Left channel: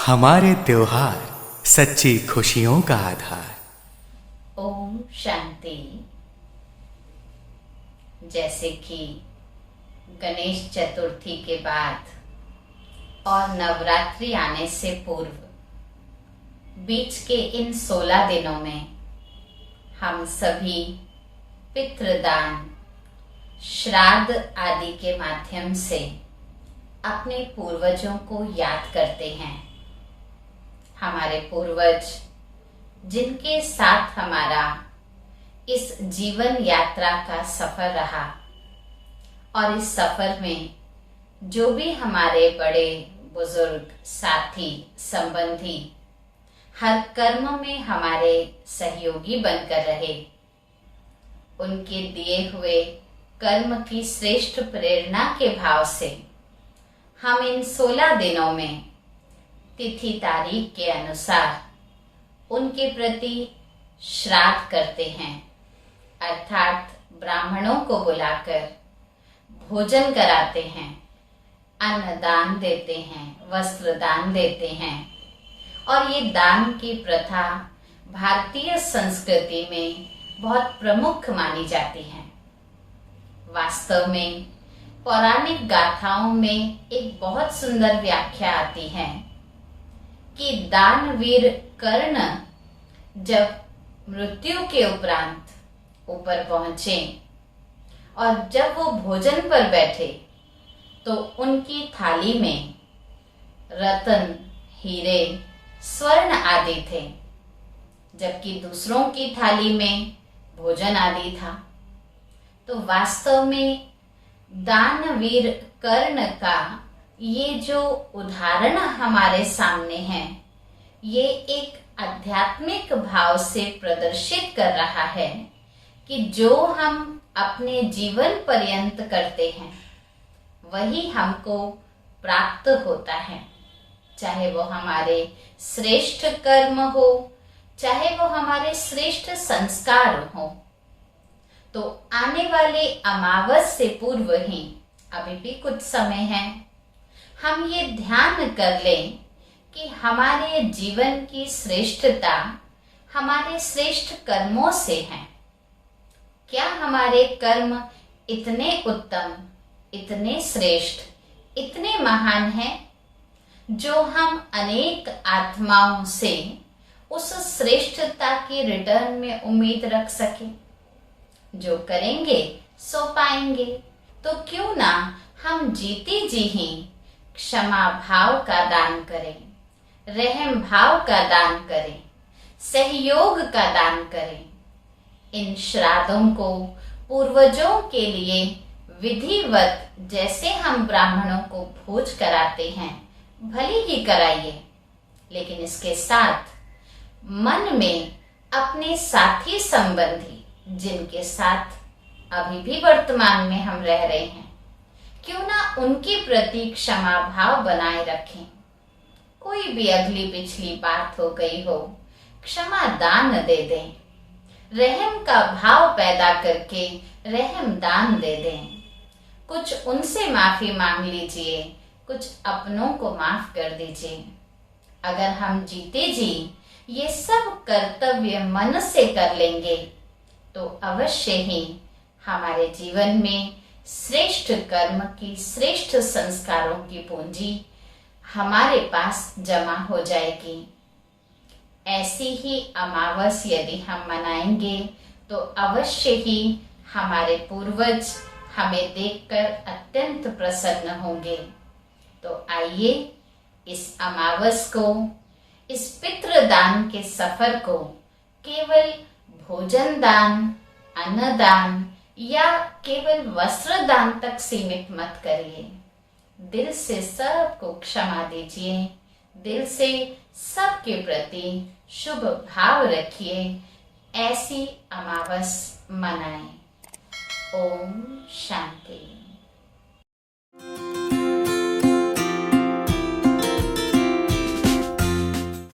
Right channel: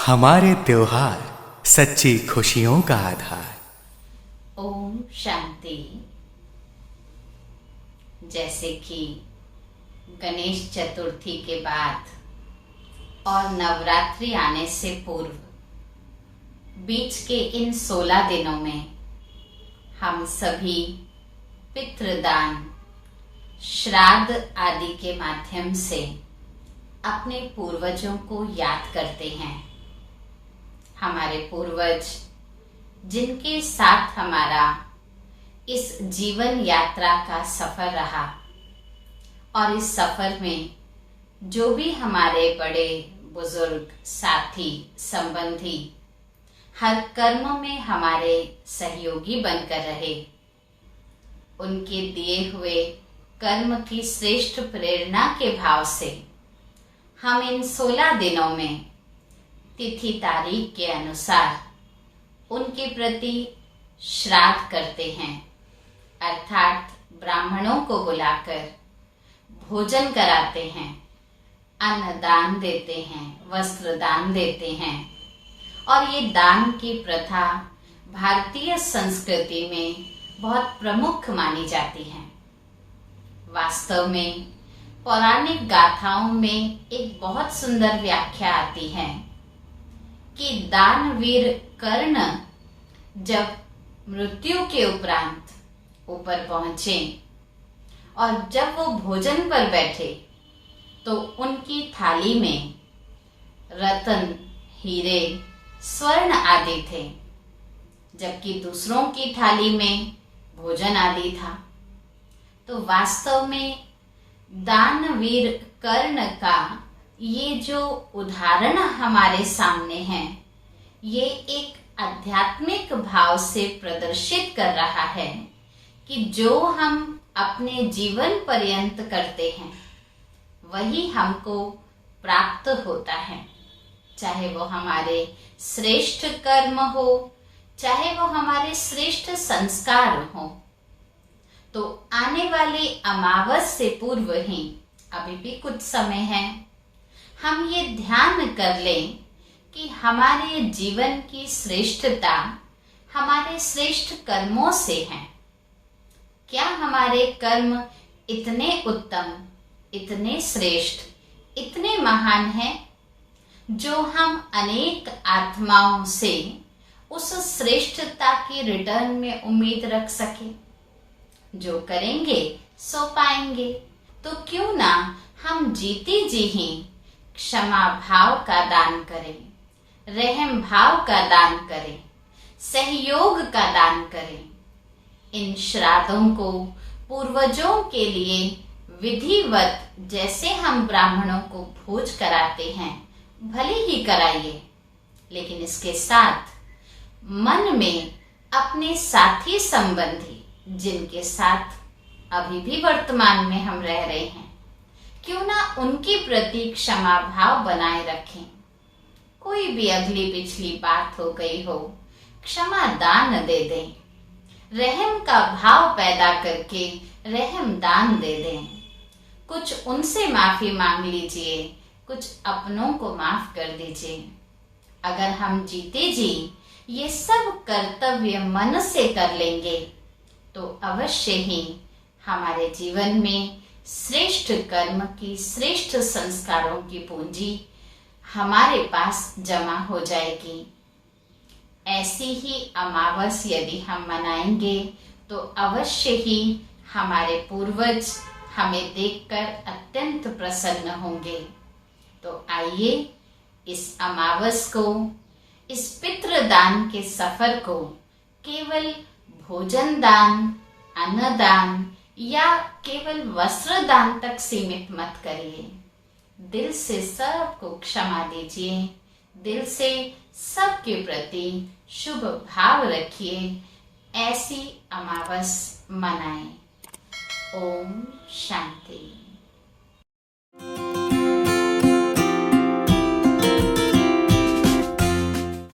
हमारे त्योहार सच्ची खुशियों का आधार। ओम शांति। जैसे कि गणेश चतुर्थी के बाद और नवरात्रि आने से पूर्व बीच के इन 16 दिनों में हम सभी पितृदान, श्राद्ध आदि के माध्यम से अपने पूर्वजों को याद करते हैं। हमारे पूर्वज जिनके साथ हमारा इस जीवन यात्रा का सफर रहा और इस सफर में जो भी हमारे बड़े बुजुर्ग, साथी, संबंधी हर कर्म में हमारे सहयोगी बनकर रहे, उनके दिए हुए कर्म की श्रेष्ठ प्रेरणा के भाव से हम इन 16 दिनों में तिथि तारीख के अनुसार उनके प्रति श्राद्ध करते हैं, अर्थात ब्राह्मणों को बुलाकर भोजन कराते हैं, अन्न दान देते हैं, वस्त्र दान देते हैं। और ये दान की प्रथा भारतीय संस्कृति में बहुत प्रमुख मानी जाती है। वास्तव में पौराणिक गाथाओं में एक बहुत सुंदर व्याख्या आती है कि दानवीर कर्ण जब मृत्यु के उपरांत ऊपर पहुंचे और जब वो भोजन पर बैठे तो उनकी थाली में रत्न, हीरे, स्वर्ण आदि थे, जबकि दूसरों की थाली में भोजन आदि था। तो वास्तव में दानवीर कर्ण का ये जो उदाहरण हमारे सामने है, ये एक आध्यात्मिक भाव से प्रदर्शित कर रहा है कि जो हम अपने जीवन पर्यंत करते हैं वही हमको प्राप्त होता है, चाहे वो हमारे श्रेष्ठ कर्म हो, चाहे वो हमारे श्रेष्ठ संस्कार हो। तो आने वाले अमावस से पूर्व ही, अभी भी कुछ समय है, हम ये ध्यान कर लें कि हमारे जीवन की श्रेष्ठता हमारे श्रेष्ठ कर्मों से है। क्या हमारे कर्म इतने उत्तम, इतने श्रेष्ठ, इतने महान हैं जो हम अनेक आत्माओं से उस श्रेष्ठता की रिटर्न में उम्मीद रख सके? जो करेंगे सो पाएंगे। तो क्यों ना हम जीते जी ही क्षमा भाव का दान करें, रहम भाव का दान करें, सहयोग का दान करें। इन श्राद्धों को पूर्वजों के लिए विधिवत जैसे हम ब्राह्मणों को भोज कराते हैं भले ही कराइए, लेकिन इसके साथ मन में अपने साथी संबंधी जिनके साथ अभी भी वर्तमान में हम रह रहे हैं, क्यों ना उनके प्रति क्षमा भाव बनाए रखें। कोई भी अगली पिछली बात हो गई हो, क्षमा दान दे दें, रहम का भाव पैदा करके रहम दान दे दें। कुछ उनसे माफी मांग लीजिए, कुछ अपनों को माफ कर दीजिए। अगर हम जीते जी ये सब कर्तव्य मन से कर लेंगे तो अवश्य ही हमारे जीवन में श्रेष्ठ कर्म की, श्रेष्ठ संस्कारों की पूंजी हमारे पास जमा हो जाएगी। ऐसी ही अमावस यदि हम मनाएंगे तो अवश्य ही हमारे पूर्वज हमें देखकर अत्यंत प्रसन्न होंगे। तो आइए इस अमावस को, इस पितृदान के सफर को केवल भोजन दान, अन्न दान या केवल वस्त्र दान तक सीमित मत करिए। दिल से सबको क्षमा दीजिए, दिल से सबके प्रति शुभ भाव रखिए। ऐसी अमावस मनाएं। ओम शांति।